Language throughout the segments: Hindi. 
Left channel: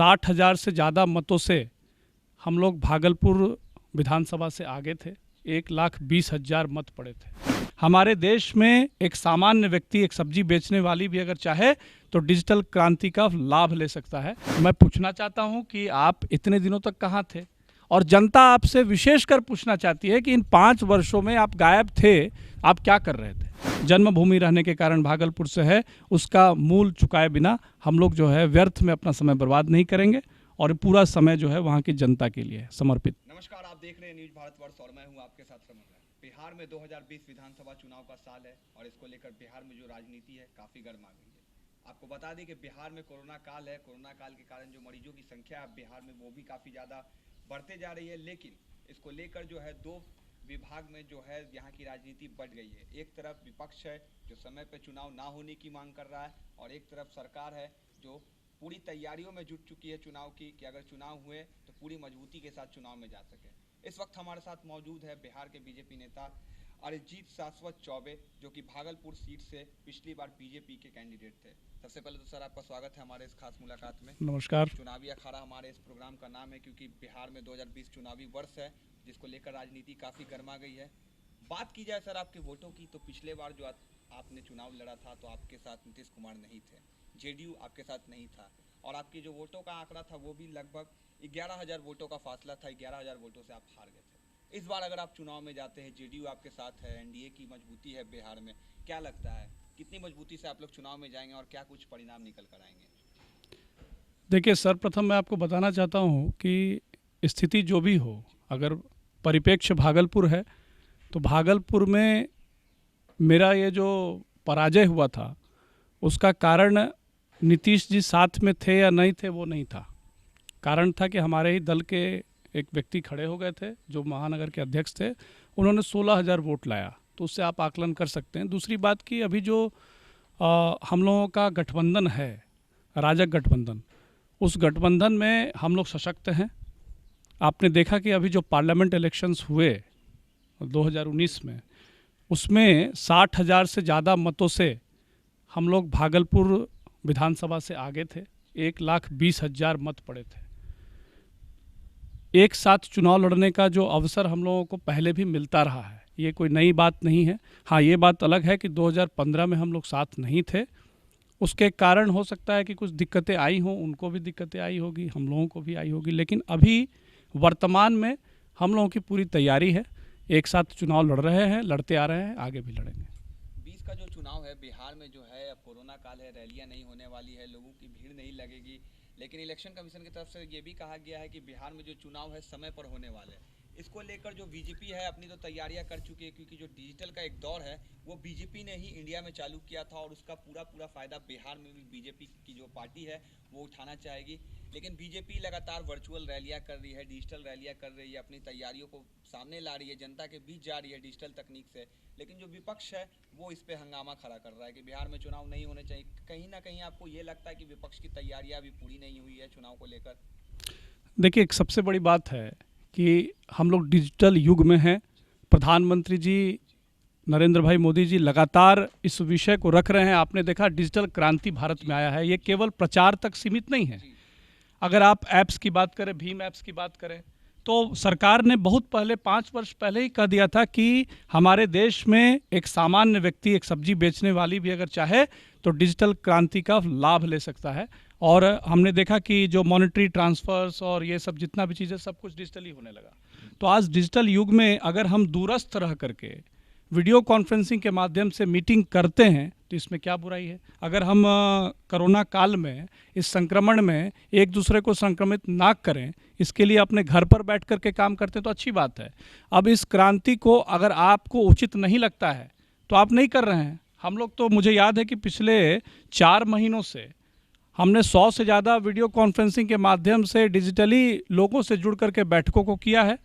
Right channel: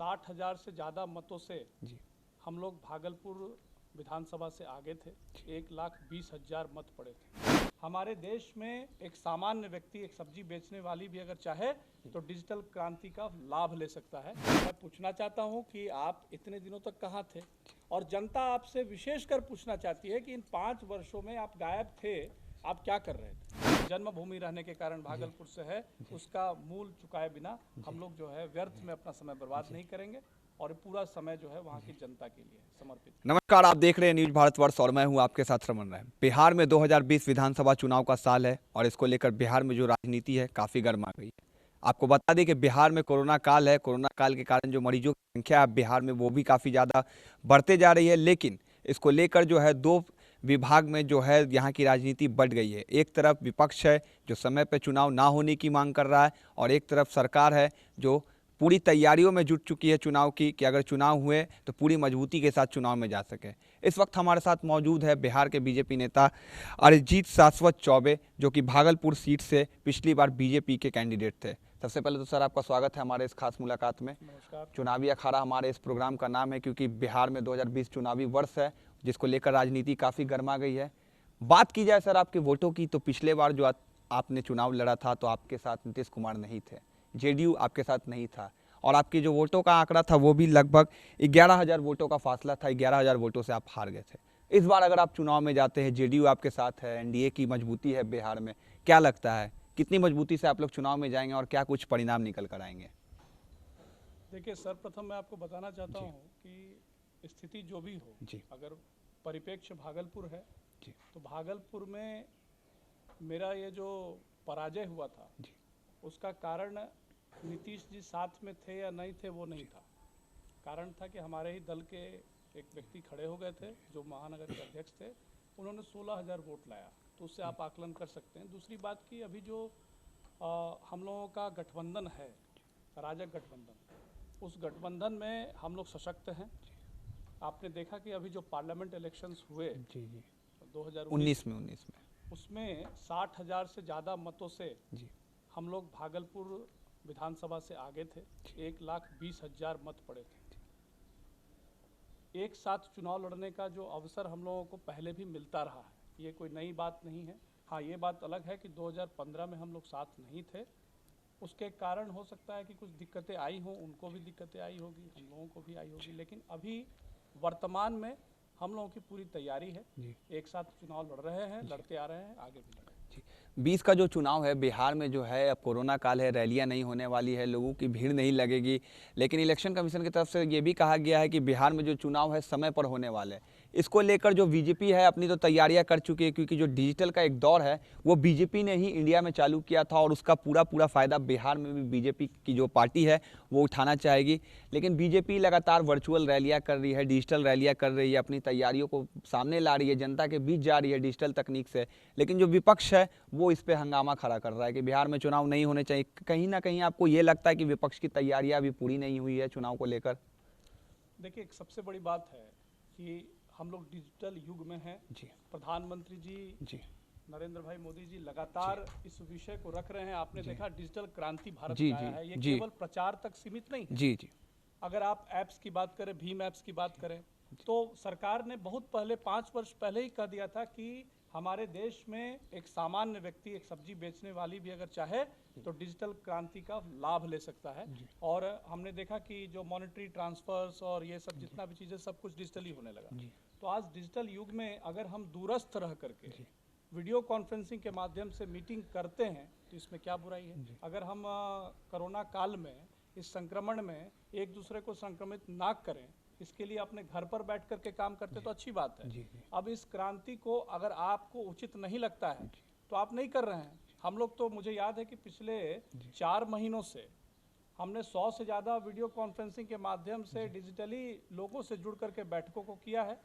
60,000 से ज़्यादा मतों से हम लोग भागलपुर विधानसभा से आगे थे। 1,20,000 मत पड़े थे। हमारे देश में एक सामान्य व्यक्ति, एक सब्जी बेचने वाली भी अगर चाहे तो डिजिटल क्रांति का लाभ ले सकता है। मैं पूछना चाहता हूं कि आप इतने दिनों तक कहां थे, और जनता आपसे विशेषकर पूछना चाहती है कि इन 5 वर्षों में आप गायब थे, आप क्या कर रहे थे। जन्मभूमि रहने के कारण भागलपुर से है, उसका मूल चुकाए बिना हम लोग जो है व्यर्थ में अपना समय बर्बाद नहीं करेंगे, और पूरा समय जो है वहाँ की जनता के लिए समर्पित। नमस्कार, आप देख रहे हैं न्यूज भारतवर्ष और मैं हूं आपके साथ रमन राय। बिहार में 2020 विधानसभा चुनाव का साल है और इसको लेकर बिहार में जो राजनीति है काफ़ी गर्मा गई है। आपको बता दें कि बिहार में कोरोना काल है। कोरोना काल के कारण जो मरीजों की संख्या है बिहार में वो भी काफ़ी ज़्यादा बढ़ते जा रही है, लेकिन इसको लेकर जो है 2 विभाग में जो है यहाँ की राजनीति बढ़ गई है। एक तरफ विपक्ष है जो समय पर चुनाव ना होने की मांग कर रहा है, और एक तरफ सरकार है जो पूरी तैयारियों में जुट चुकी है चुनाव की, कि अगर चुनाव हुए तो पूरी मजबूती के साथ चुनाव में जा सके। इस वक्त हमारे साथ मौजूद है बिहार के बीजेपी नेता अरिजीत शाश्वत चौबे, जो कि भागलपुर सीट से पिछली बार बीजेपी के कैंडिडेट थे। सबसे पहले तो सर आपका स्वागत है हमारे इस खास मुलाकात में। नमस्कार। चुनावी अखाड़ा हमारे इस प्रोग्राम का नाम है, क्योंकि बिहार में 2020 चुनावी वर्ष है जिसको लेकर राजनीति काफ़ी गर्मा गई है। बात की जाए सर आपके वोटों की, तो पिछले बार जो आपने चुनाव लड़ा था तो आपके साथ नीतीश कुमार नहीं थे, जेडीयू आपके साथ नहीं था, और आपकी जो वोटों का आंकड़ा था वो भी लगभग 11,000 वोटों का फासला था। 11,000 वोटों से आप हार गए थे। इस बार अगर आप चुनाव में जाते हैं, जेडीयू आपके साथ है, एनडीए की मजबूती है बिहार में, क्या लगता है कितनी मजबूती से आप लोग चुनाव में जाएंगे और क्या कुछ परिणाम निकल कर आएंगे? देखिए, सर्वप्रथम मैं आपको बताना चाहता हूँ कि स्थिति जो भी हो, अगर परिप्रेक्ष्य भागलपुर है तो भागलपुर में मेरा ये जो पराजय हुआ था उसका कारण नीतीश जी साथ में थे या नहीं थे वो नहीं था। कारण था कि हमारे ही दल के एक व्यक्ति खड़े हो गए थे जो महानगर के अध्यक्ष थे, उन्होंने 16,000 वोट लाया, तो उससे आप आकलन कर सकते हैं। दूसरी बात कि अभी जो हम लोगों का गठबंधन है, राजग गठबंधन, उस गठबंधन में हम लोग सशक्त हैं। आपने देखा कि अभी जो पार्लियामेंट इलेक्शंस हुए 2019 में, उसमें 60,000 से ज़्यादा मतों से हम लोग भागलपुर विधानसभा से आगे थे। 1,20,000 मत पड़े थे। एक साथ चुनाव लड़ने का जो अवसर हम लोगों को पहले भी मिलता रहा है, ये कोई नई बात नहीं है। हाँ, ये बात अलग है कि 2015 में हम लोग साथ नहीं थे, उसके कारण हो सकता है कि कुछ दिक्कतें आई हों, उनको भी दिक्कतें आई होगी, हम लोगों को भी आई होगी, लेकिन अभी वर्तमान में हम लोगों की पूरी तैयारी है। एक साथ चुनाव लड़ रहे हैं, लड़ते आ रहे हैं, आगे भी लड़ेंगे। 20 का जो चुनाव है बिहार में जो है, अब कोरोना काल है, रैलियां नहीं होने वाली है, लोगों की भीड़ नहीं लगेगी, लेकिन इलेक्शन कमीशन की तरफ से ये भी कहा गया है कि बिहार में जो चुनाव है समय पर होने वाले हैं। इसको लेकर जो बीजेपी है अपनी तो तैयारियां कर चुकी है, क्योंकि जो डिजिटल का एक दौर है वो बीजेपी ने ही इंडिया में चालू किया था, और उसका पूरा फ़ायदा बिहार में भी बीजेपी की जो पार्टी है वो उठाना चाहेगी। लेकिन बीजेपी लगातार वर्चुअल रैलियां कर रही है, डिजिटल रैलियां कर रही है, अपनी तैयारियों को सामने ला रही है, जनता के बीच जा रही है डिजिटल तकनीक से। लेकिन जो विपक्ष है वो इस पर हंगामा खड़ा कर रहा है कि बिहार में चुनाव नहीं होने चाहिए। कहीं ना कहीं आपको ये लगता है कि विपक्ष की तैयारियां अभी पूरी नहीं हुई है चुनाव को लेकर? देखिए, एक सबसे बड़ी बात है कि हम लोग डिजिटल युग में हैं। प्रधानमंत्री जी नरेंद्र भाई मोदी जी लगातार इस विषय को रख रहे हैं। आपने देखा डिजिटल क्रांति भारत में आया है, ये केवल प्रचार तक सीमित नहीं है। अगर आप ऐप्स की बात करें, भीम ऐप्स की बात करें, तो सरकार ने बहुत पहले 5 वर्ष पहले ही कह दिया था कि हमारे देश में एक सामान्य व्यक्ति, एक सब्जी बेचने वाली भी अगर चाहे तो डिजिटल क्रांति का लाभ ले सकता है। और हमने देखा कि जो मॉनेटरी ट्रांसफर्स और ये सब जितना भी चीज़ें सब कुछ डिजिटली होने लगा। तो आज डिजिटल युग में अगर हम दूरस्थ रह करके वीडियो कॉन्फ्रेंसिंग के माध्यम से मीटिंग करते हैं तो इसमें क्या बुराई है। अगर हम कोरोना काल में इस संक्रमण में एक दूसरे को संक्रमित ना करें, इसके लिए अपने घर पर बैठ कर के काम करते हैं तो अच्छी बात है। अब इस क्रांति को अगर आपको उचित नहीं लगता है तो आप नहीं कर रहे हैं। हम लोग तो, मुझे याद है कि पिछले 4 महीनों से हमने 100 से ज़्यादा वीडियो कॉन्फ्रेंसिंग के माध्यम से डिजिटली लोगों से जुड़ करके बैठकों को किया है,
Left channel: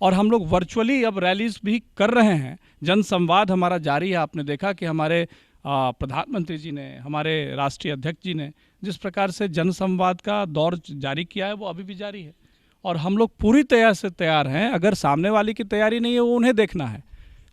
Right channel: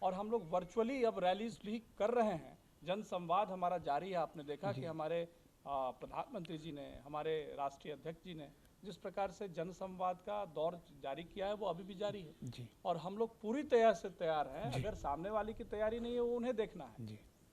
और हम लोग वर्चुअली अब रैलीज भी कर रहे हैं। जन संवाद हमारा जारी है। आपने देखा कि हमारे प्रधानमंत्री जी ने, हमारे राष्ट्रीय अध्यक्ष जी ने जिस प्रकार से जन संवाद का दौर जारी किया है वो अभी भी जारी है, और हम लोग पूरी तरह से तैयार हैं। अगर सामने वाले की तैयारी नहीं है वो उन्हें देखना है,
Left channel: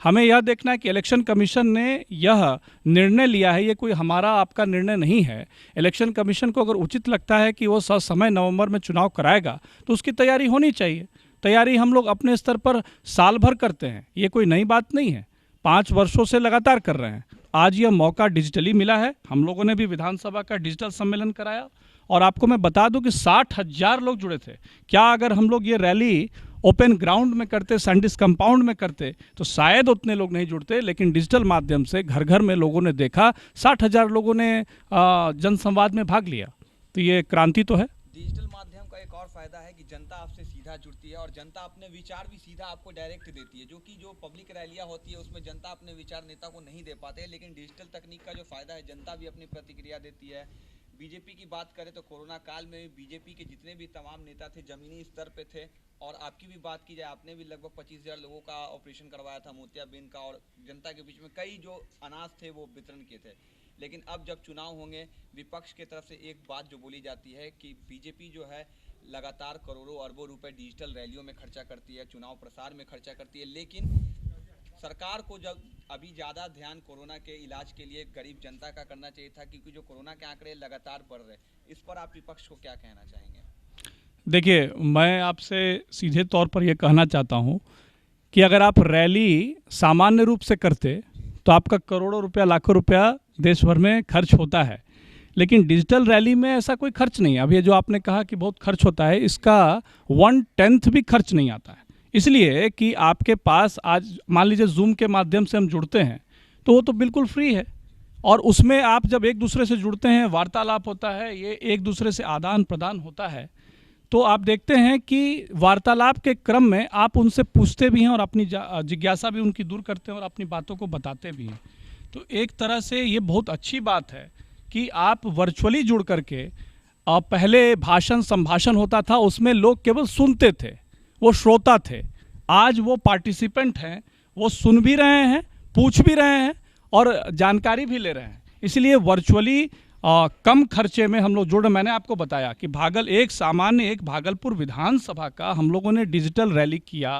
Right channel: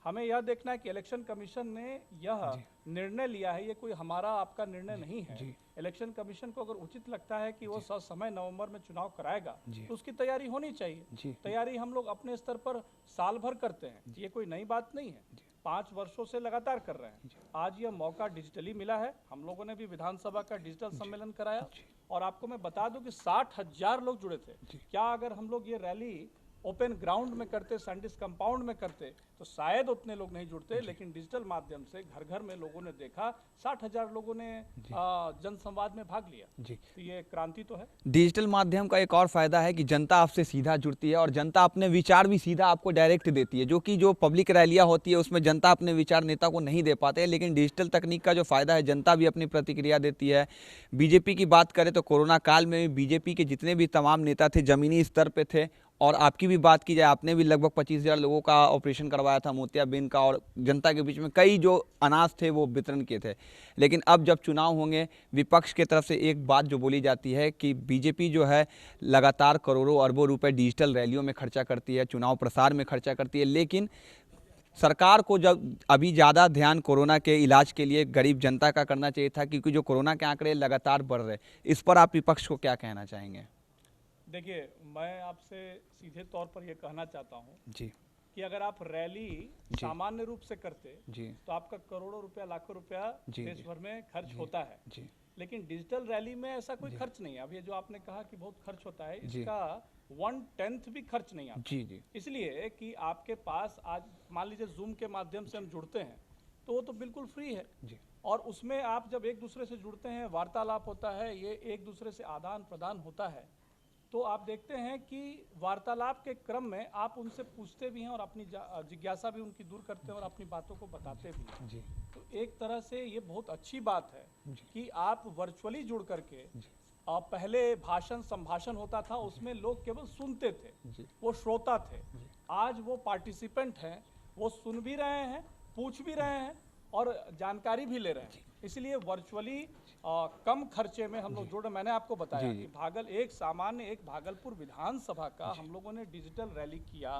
हमें यह देखना है कि इलेक्शन कमीशन ने यह निर्णय लिया है, ये कोई हमारा आपका निर्णय नहीं है। इलेक्शन कमीशन को अगर उचित लगता है कि वो समय नवंबर में चुनाव कराएगा तो उसकी तैयारी होनी चाहिए। तैयारी हम लोग अपने स्तर पर साल भर करते हैं, ये कोई नई बात नहीं है, 5 वर्षों से लगातार कर रहे हैं। आज यह मौका डिजिटली मिला है। हम लोगों ने भी विधानसभा का डिजिटल सम्मेलन कराया और आपको मैं बता दूं कि 60,000 लोग जुड़े थे। क्या अगर हम लोग ये रैली ओपन ग्राउंड में करते, सैंडिस कंपाउंड में करते तो शायद उतने लोग नहीं जुड़ते, लेकिन डिजिटल माध्यम से घर घर में लोगों ने देखा, 60,000 लोगों ने जनसंवाद में भाग लिया। तो ये क्रांति तो है। डिजिटल माध्यम का एक और फायदा है कि जनता आपसे सीधा जुड़ती है और जनता अपने विचार भी सीधा आपको डायरेक्ट देती है, जो पब्लिक रैलियां होती है उसमें जनता अपने विचार नेता को नहीं दे पाते हैं। लेकिन डिजिटल तकनीक का जो फायदा है, जनता भी अपनी प्रतिक्रिया देती है। बीजेपी की बात करें तो कोरोना काल में बीजेपी के जितने भी तमाम नेता थे जमीनी स्तर पे थे, और आपकी भी बात की जाए, आपने भी लगभग 25,000 लोगों का ऑपरेशन करवाया था मोतियाबिंद का, और जनता के बीच में कई जो अनाज थे वो वितरण किए थे। लेकिन अब जब चुनाव होंगे, विपक्ष की तरफ से एक बात जो बोली जाती है कि बीजेपी जो है लगातार करोड़ों अरबों रुपए डिजिटल रैलियों में खर्चा करती है, चुनाव प्रसार में खर्चा करती है, लेकिन सरकार को जब अभी ज़्यादा ध्यान कोरोना के इलाज के लिए गरीब जनता का करना चाहिए था, क्योंकि जो कोरोना के आंकड़े लगातार बढ़ रहे, इस पर आप विपक्ष को क्या कहना चाहेंगे? देखिए, मैं आपसे सीधे तौर पर यह कहना चाहता हूं कि अगर आप रैली सामान्य रूप से करते तो आपका करोड़ों रुपया, लाखों रुपया देश भर में खर्च होता है, लेकिन डिजिटल रैली में ऐसा कोई खर्च नहीं है। अब ये जो आपने कहा कि बहुत खर्च होता है, इसका 1/10 भी खर्च नहीं आता है। इसलिए कि आपके पास आज मान लीजिए जूम के माध्यम से हम जुड़ते हैं तो वो तो बिल्कुल फ्री है, और उसमें आप जब एक दूसरे से जुड़ते हैं, वार्तालाप होता है, ये एक दूसरे से आदान प्रदान होता है, तो आप देखते हैं कि वार्तालाप के क्रम में आप उनसे पूछते भी हैं और अपनी जिज्ञासा भी उनकी दूर करते हैं और अपनी बातों को बताते भी हैं। तो एक तरह से ये बहुत अच्छी बात है कि आप वर्चुअली जुड़ करके, पहले भाषण संभाषण होता था, उसमें लोग केवल सुनते थे, वो श्रोता थे। आज वो पार्टिसिपेंट हैं, वो सुन भी रहे हैं, पूछ भी रहे हैं और जानकारी भी ले रहे हैं। इसलिए वर्चुअली कम खर्चे में हम लोग जुड़। मैंने आपको बताया कि एक भागलपुर विधानसभा का हम लोगों ने डिजिटल रैली किया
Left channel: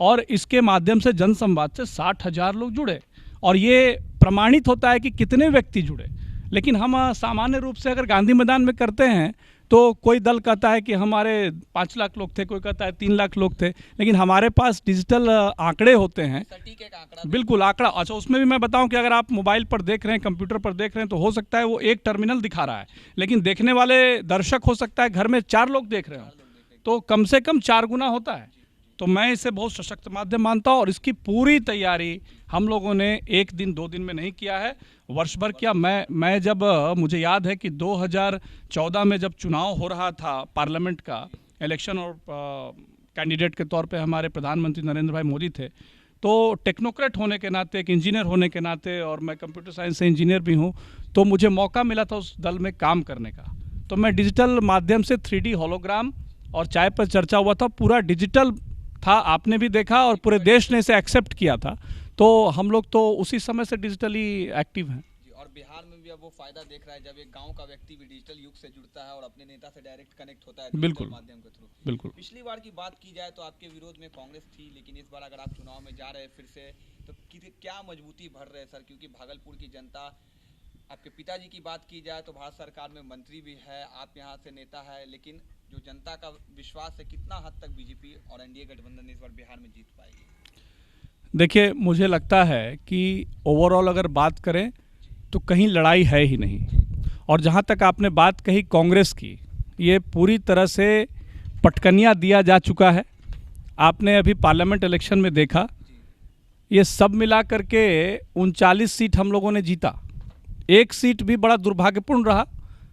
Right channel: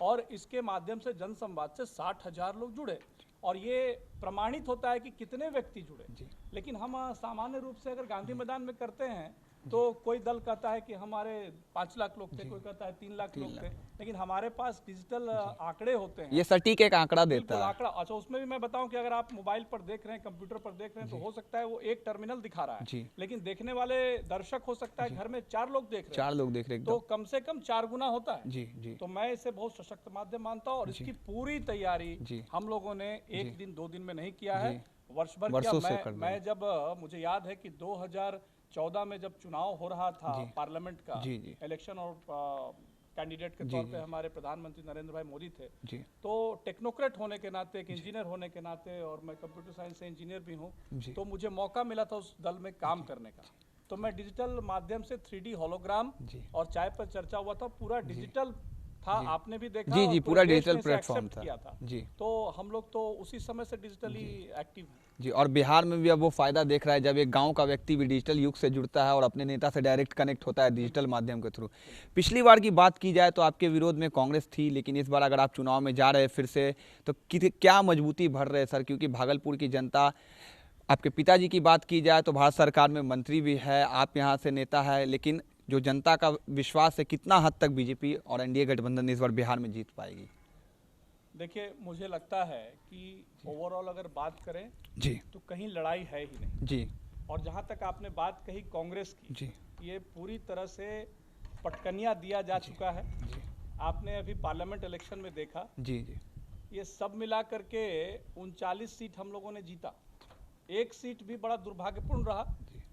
और इसके माध्यम से जनसंवाद से 60,000 लोग जुड़े, और ये प्रमाणित होता है कि कितने व्यक्ति जुड़े। लेकिन हम सामान्य रूप से अगर गांधी मैदान में करते हैं तो कोई दल कहता है कि हमारे 5 लाख लोग थे, कोई कहता है 3 लाख लोग थे, लेकिन हमारे पास डिजिटल आंकड़े होते हैं। ये सटीक एक आंकड़ा बिल्कुल आंकड़ा। अच्छा, उसमें भी मैं बताऊं कि अगर आप मोबाइल पर देख रहे हैं, कंप्यूटर पर देख रहे हैं, तो हो सकता है वो एक टर्मिनल दिखा रहा है, लेकिन देखने वाले दर्शक हो सकता है घर में 4 लोग देख रहे हैं, तो कम से कम 4 गुना होता है। तो मैं इसे बहुत सशक्त माध्यम मानता हूँ, और इसकी पूरी तैयारी हम लोगों ने 1 दिन 2 दिन में नहीं किया है, वर्ष भर किया। मैं जब मुझे याद है कि 2014 में जब चुनाव हो रहा था पार्लियामेंट का इलेक्शन, और कैंडिडेट के तौर पे हमारे प्रधानमंत्री नरेंद्र भाई मोदी थे, तो टेक्नोक्रेट होने के नाते, एक इंजीनियर होने के नाते, और मैं कंप्यूटर साइंस से इंजीनियर भी हूँ, तो मुझे मौका मिला था उस दल में काम करने का। तो मैं डिजिटल माध्यम से 3D होलोग्राम और चाय पर चर्चा हुआ था, पूरा डिजिटल था, आपने भी देखा, और पूरे देश ने इसे एक्सेप्ट किया था। तो हम लोग तो उसी समय से डिजिटली एक्टिव हैं जी। और बिहार में भी अब वो फायदा देख रहा है जब एक गांव का व्यक्ति भी डिजिटल युग से जुड़ता है और अपने नेता से डायरेक्ट कनेक्ट होता है डिजिटल माध्यम के थ्रू। पिछली बार की बात की जाए तो आपके विरोध में कांग्रेस थी, लेकिन इस बार अगर आप चुनाव में जा रहे हैं फिर से, तो क्या मजबूती भर रहे सर? क्योंकि भागलपुर की जनता, आपके पिताजी की बात की जाए तो भारत सरकार में मंत्री भी है, आप यहाँ से नेता है, लेकिन जो जनता का विश्वास है, कितना हद तक बीजेपी और एनडीए गठबंधन इस बार बिहार में जीत पाएगी? देखिए, मुझे लगता है कि ओवरऑल अगर बात करें जी तो कहीं लड़ाई है ही नहीं जी। और जहां तक आपने बात कही कांग्रेस की, ये पूरी तरह से पटकनिया दिया जा चुका है। आपने अभी पार्लियामेंट इलेक्शन में देखा जी, ये सब मिला करके 39 सीट हम लोगों ने जीता, 1 सीट भी बड़ा दुर्भाग्यपूर्ण रहा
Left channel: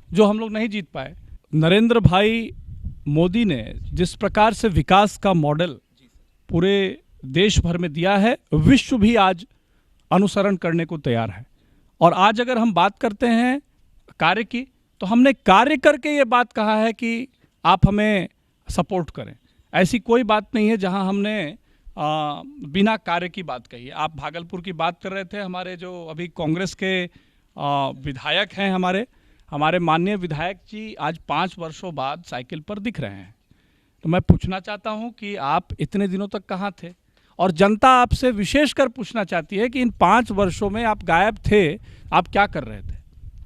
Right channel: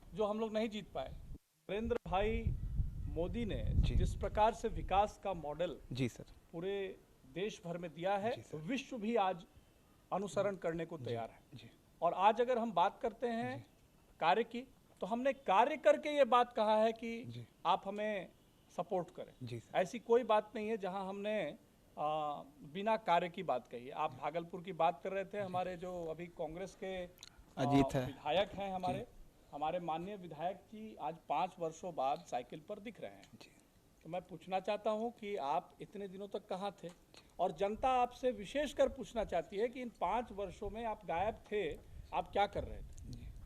जो हम लोग नहीं जीत पाए। नरेंद्र भाई मोदी ने जिस प्रकार से विकास का मॉडल जी सर पूरे देश भर में दिया है, विश्व भी आज अनुसरण करने को तैयार है। और आज अगर हम बात करते हैं कार्य की, तो हमने कार्य करके ये बात कहा है कि आप हमें सपोर्ट करें। ऐसी कोई बात नहीं है जहां हमने बिना कार्य की बात कही है। आप भागलपुर की बात कर रहे थे, हमारे जो अभी कांग्रेस के विधायक हैं, हमारे माननीय विधायक जी आज 5 वर्षों बाद साइकिल पर दिख रहे हैं। तो मैं पूछना चाहता हूं कि आप इतने दिनों तक कहाँ थे? और जनता आपसे विशेषकर पूछना चाहती है कि इन 5 वर्षों में आप गायब थे, आप क्या कर रहे थे?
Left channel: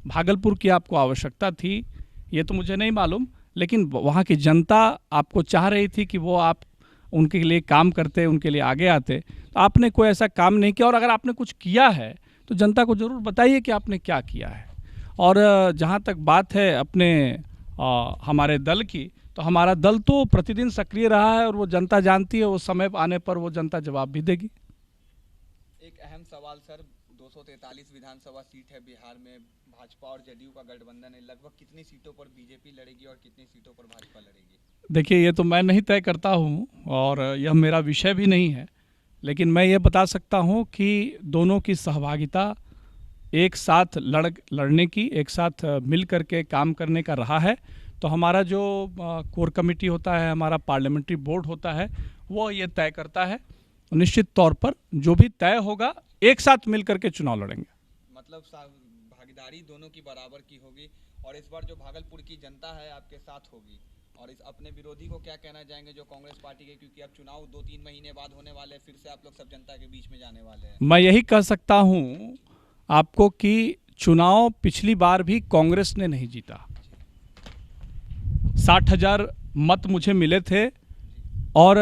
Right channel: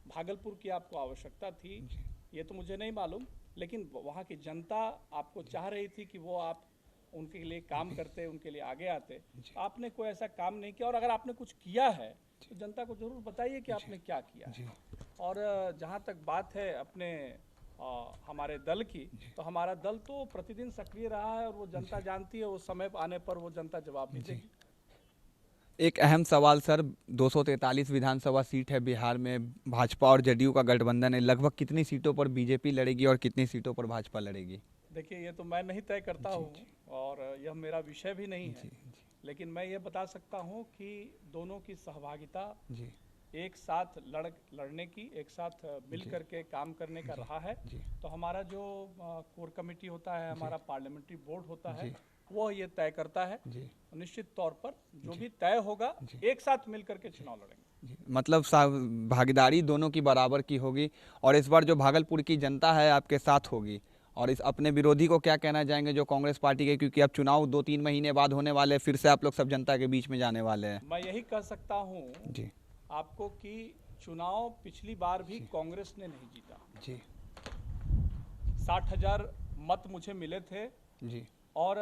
भागलपुर की आपको आवश्यकता थी, ये तो मुझे नहीं मालूम, लेकिन वहाँ की जनता आपको चाह रही थी कि वो आप उनके लिए काम करते, उनके लिए आगे आते। तो आपने कोई ऐसा काम नहीं किया, और अगर आपने कुछ किया है तो जनता को ज़रूर बताइए कि आपने क्या किया है। और जहाँ तक बात है अपने हमारे दल की, तो हमारा दल तो प्रतिदिन सक्रिय रहा है, और वो जनता जानती है, वो समय आने पर वो जनता जवाब भी देगी। एक अहम सवाल सर, 243 विधानसभा सीट है बिहार में, भाजपा और जदयू का गठबंधन है, लगभग कितनी सीटों पर बीजेपी लड़ेगी और कितनी सीटों पर भाजपा लड़ेगी? देखिए, ये तो मैं नहीं तय करता हूँ और यह मेरा विषय भी नहीं है, लेकिन मैं ये बता सकता हूँ कि दोनों की सहभागिता एक साथ लड़ने की, एक साथ मिल करके काम करने का रहा है। तो हमारा जो कोर कमेटी होता है, हमारा पार्लियामेंट्री बोर्ड होता है, वो ये तय करता है। निश्चित तौर पर जो भी तय होगा, एक साथ मिल करके चुनाव लड़ेंगे। मतलब भागीदारी दोनों की बराबर की होगी, और इस बार जो भागलपुर की जनता है आपके साथ होगी। और इस अपने विरोधी को क्या कहना चाहेंगे जो कांग्रेस पार्टी के, क्योंकि अब चुनाव 2-3 महीने बाद होने वाले, फिर से आप लोग सब जनता के बीच में जाने वाले हैं? मैं यही कह सकता हूँ आपको कि चुनाव पिछली बार भी कांग्रेस ने नहीं जीता। 60,000 मत मुझे मिले थे और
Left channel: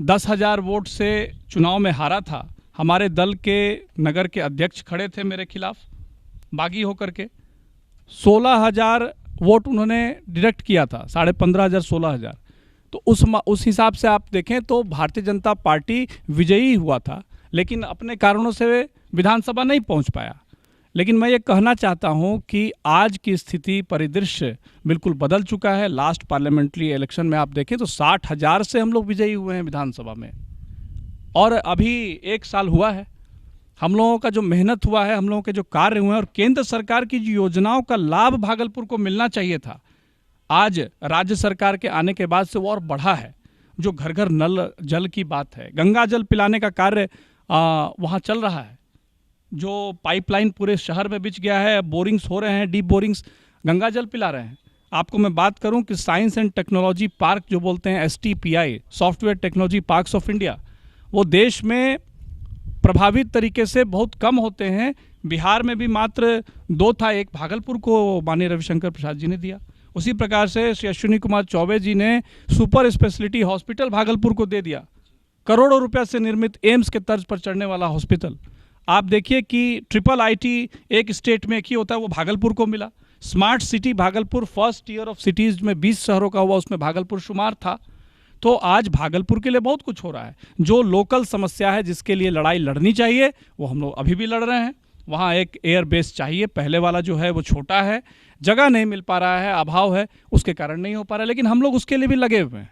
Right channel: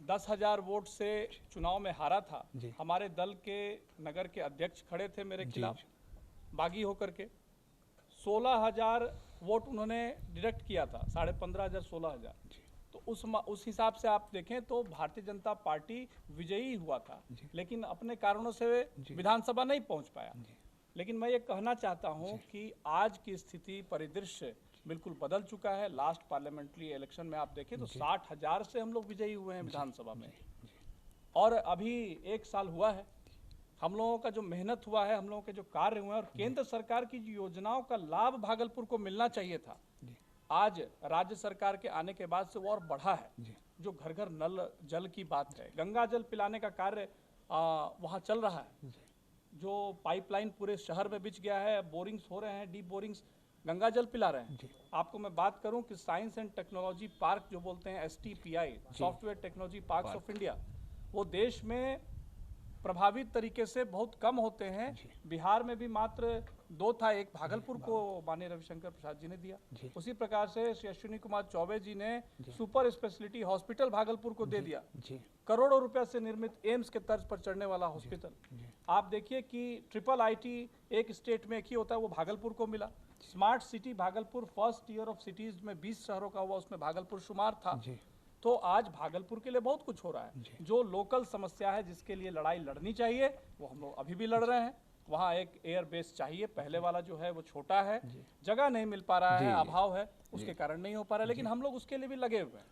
10,000 वोट से चुनाव में हारा था। हमारे दल के नगर के अध्यक्ष खड़े थे मेरे खिलाफ बागी होकर के। 16,000 वोट उन्होंने डिडक्ट किया था, 15,500 16,000। तो उस हिसाब से आप देखें तो भारतीय जनता पार्टी विजयी हुआ था, लेकिन अपने कारणों से विधानसभा नहीं पहुंच पाया। लेकिन मैं ये कहना चाहता हूं कि आज की स्थिति, परिदृश्य बिल्कुल बदल चुका है। लास्ट पार्लियामेंट्री इलेक्शन में आप देखें तो 60,000 से हम लोग विजयी हुए हैं विधानसभा में, और अभी 1 साल हुआ है। हम लोगों का जो मेहनत हुआ है, हम लोगों के जो कार्य हुए हैं, और केंद्र सरकार की जो योजनाओं का लाभ भागलपुर को मिलना चाहिए था, आज राज्य सरकार के आने के बाद से वो और बढ़ा है। जो घर घर नल जल की बात है, गंगा जल पिलाने का कार्य वहाँ चल रहा है। जो पाइपलाइन पूरे शहर में बिछ गया है, बोरिंग्स हो रहे हैं, डीप बोरिंग्स, गंगा जल पिला रहे हैं। आपको मैं बात करूं कि साइंस एंड टेक्नोलॉजी पार्क जो बोलते हैं, STPI, software technology parks of India, वो देश में प्रभावित तरीके से बहुत कम होते हैं। बिहार में भी मात्र 2 था, एक भागलपुर को माननीय रविशंकर प्रसाद जी ने दिया। उसी प्रकार से श्री अश्विनी कुमार चौबे जी ने सुपर स्पेशलिटी हॉस्पिटल भागलपुर को दे दिया। करोड़ों रुपए से निर्मित एम्स के तर्ज पर चढ़ने वाला हॉस्पिटल। आप देखिए कि IIIT एक स्टेट में एक ही होता है, वो भागलपुर को मिला। Smart city Bhagalpur first year of cities में 20 शहरों का हुआ, उसमें भागलपुर शुमार था। तो आज भागलपुर के लिए बहुत कुछ हो रहा है। जो लोकल समस्या है, जिसके लिए लड़ाई लड़नी चाहिए, वो हम लोग अभी भी लड़ रहे हैं। वहाँ एक एयर बेस चाहिए, पहले वाला जो है वो छोटा है, जगह नहीं मिल पा रहा है, अभाव है, उसके कारण नहीं हो पा रहा है, लेकिन हम लोग उसके लिए भी लगे हुए हैं।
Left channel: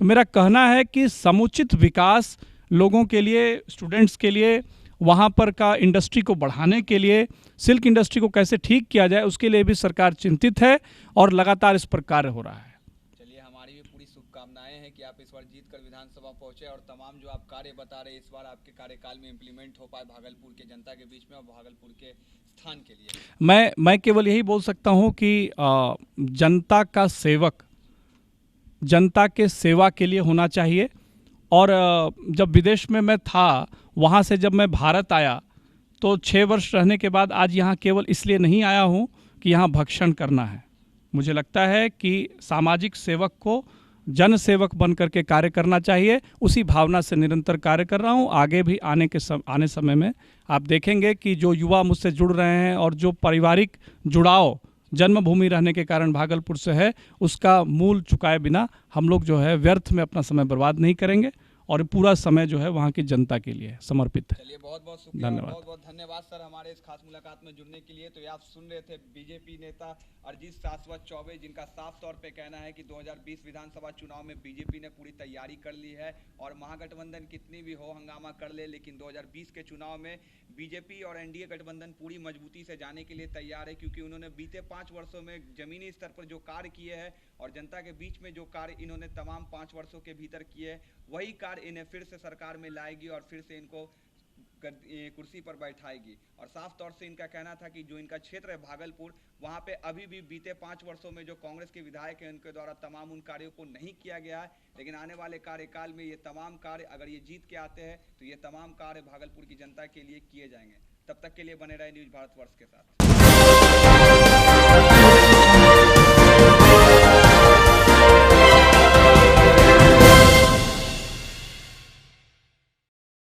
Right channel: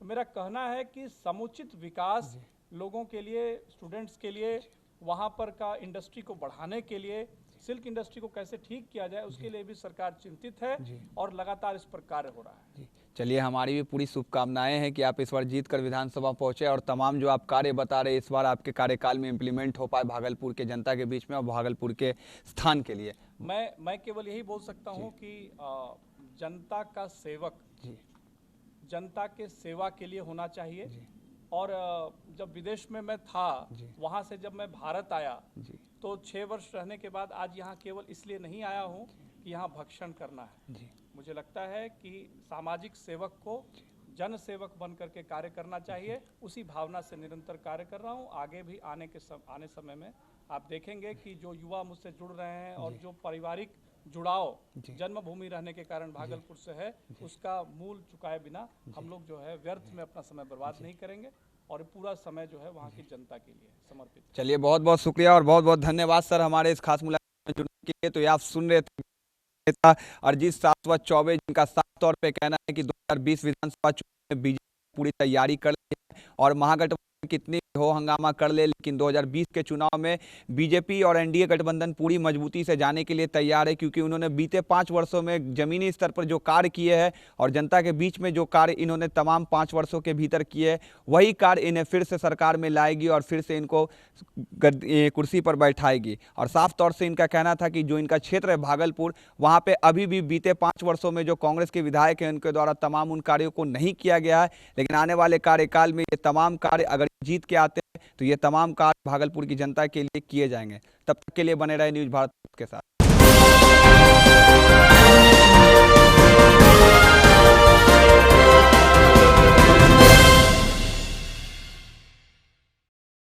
तो मेरा कहना है कि समुचित विकास लोगों के लिए, स्टूडेंट्स के लिए, वहाँ पर का इंडस्ट्री को बढ़ाने के लिए, सिल्क इंडस्ट्री को कैसे ठीक किया जाए, उसके लिए भी सरकार चिंतित है और लगातार इस पर कार्य हो रहा है। चलिए, हमारी भी पूरी शुभकामनाएं हैं कि आप इस बार जीत कर विधानसभा पहुंचे, और तमाम जो आप कार्य बता रहे इस बार आपके कार्यकाल में इम्प्लीमेंट हो पाए भागलपुर के जनता के बीच में और भागलपुर के स्थान के लिए। मैं केवल यही बोल सकता हूं कि जनता का सेवक जनता के सेवा के लिए होना चाहिए। और जब विदेश में मैं था, वहाँ से जब मैं भारत आया तो 6 वर्ष रहने के बाद आज यहाँ केवल इसलिए नहीं आया हूँ कि यहाँ भक्षण करना है। मुझे लगता है कि सामाजिक सेवक को जन सेवक बन करके कार्य करना चाहिए। उसी भावना से निरंतर कार्य कर रहा हूँ। आगे भी आने समय में आप देखेंगे कि जो युवा मुझसे जुड़ रहे हैं और जो पारिवारिक जुड़ाव जन्मभूमि रहने के कारण भागलपुर से है, उसका मूल चुकाए बिना हम लोग जो है व्यर्थ में अपना समय बर्बाद नहीं करेंगे, और पूरा समय जो है वहाँ की जनता के लिए समर्पित है। चलिए, बहुत बहुत शुक्रिया और बहुत बहुत धन्यवाद सर हमारे इस खास मुलाकात में जुड़ने के लिए। तो ये आप सुन रहे थे बीजेपी नेता अरजीत शाश्वत चौबे, जिनका साफ तौर पे कहना है कि 2020 विधानसभा चुनाव में बीजेपी ने पूरी तैयारी कर ली है, और महागठबंधन कितनी भी हो हंगामा कर ले, लेकिन 2020 के चुनाव में बीजेपी और एनडीए गठबंधन पूरी मजबूती से जाने के लिए तैयार है, क्योंकि उन्होंने बीते 5 वर्षों में जमीनी स्तर पर जो कार्य किए हैं और जनता के बीच में जो कार्य इन्होंने तमाम 5 वर्षों के भीतर किए हैं, वही कार्य इन्हें फिर से सरकार में लाएगी और फिर से इनको कुर्सी पर बैठाएगी। और साफ तौर से इनका कहना था कि जो इनका क्षेत्र है भागलपुर, वहां पे अभी भी बीते 5 वर्षों में जो कांग्रेस के विधायक हैं उनके द्वारा तमाम उन कार्यों को नहीं किया गया है, लेकिन आने वाले कार्यकाल में ये तमाम कार्य अगर ये जीत के आते हैं तो ये तमाम कार्य भागलपुर की जनता के लिए किए जाएंगे। तब तक के लिए बने रहे न्यूज़ भारतवर्ष के साथ।